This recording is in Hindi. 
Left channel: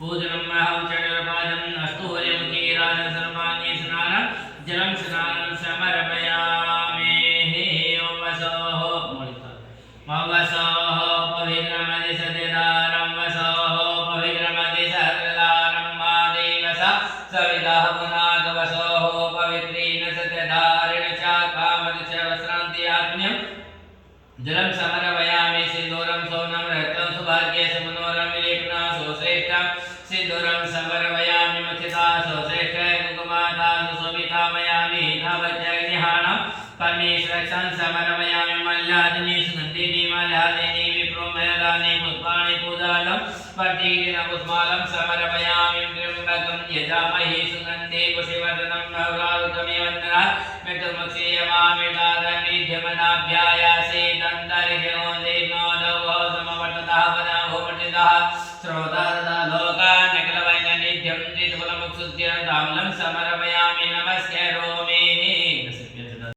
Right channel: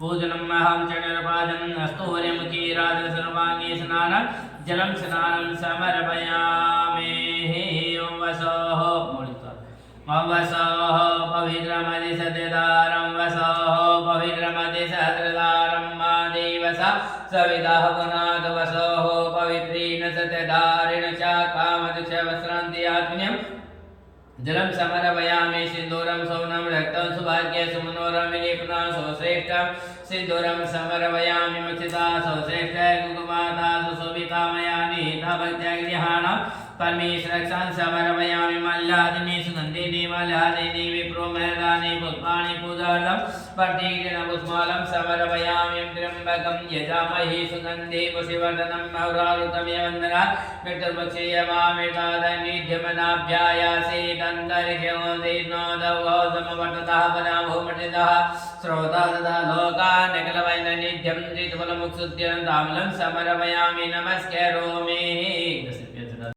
पूजनम् अहं चरणपादं हस्तोर्यमुखे राजसर्वाङ्गे स्नानं जलं स्नानं समर्पयामि वसोः वसोः पवित्रमति सत्यदारं वसोः पवित्रमति सहस्रदारं मा देवस सवितः पुनाद वसोः पवित्रेण सत्यदारेण च कामद च वस्त्रान्ति आत्मन्यं जलं समर्पयामि सिन्दूरं सौनं रक्तं सुभाग्ये सुमनोरं विलेपना सुश्रेष्ठं सिन्दूरं समर्पयामि मक्षिता सुश्रेष्ठ कुकुमाता सुशोभिता मया निहिता भक्त्याग्निहाणं परमेश्वरक्षां समर्पयामि मल्लादिनी सुगन्धिनी मल्लादिनी विप्रोमयदानि पुष्पाणि पूजालं प्रतीकेन पुष्पालं समर्पयामि त्र्यम्बकं यजामहे सुगन्धे पुष्टिवर्धनं नवरारुकमिव वन्दनात् मृत्युर्मुक्षीयमामृतादनिध्यमनाभ्यायासे दन्तरिषोदेनोदौ समवर्ततः पदाभूमटितः श्रोताददा लोकान्यकलवैननिध्यं त्रितुफलमुक्षुद्यन्तामलं समर्पयामि नमस्करोमि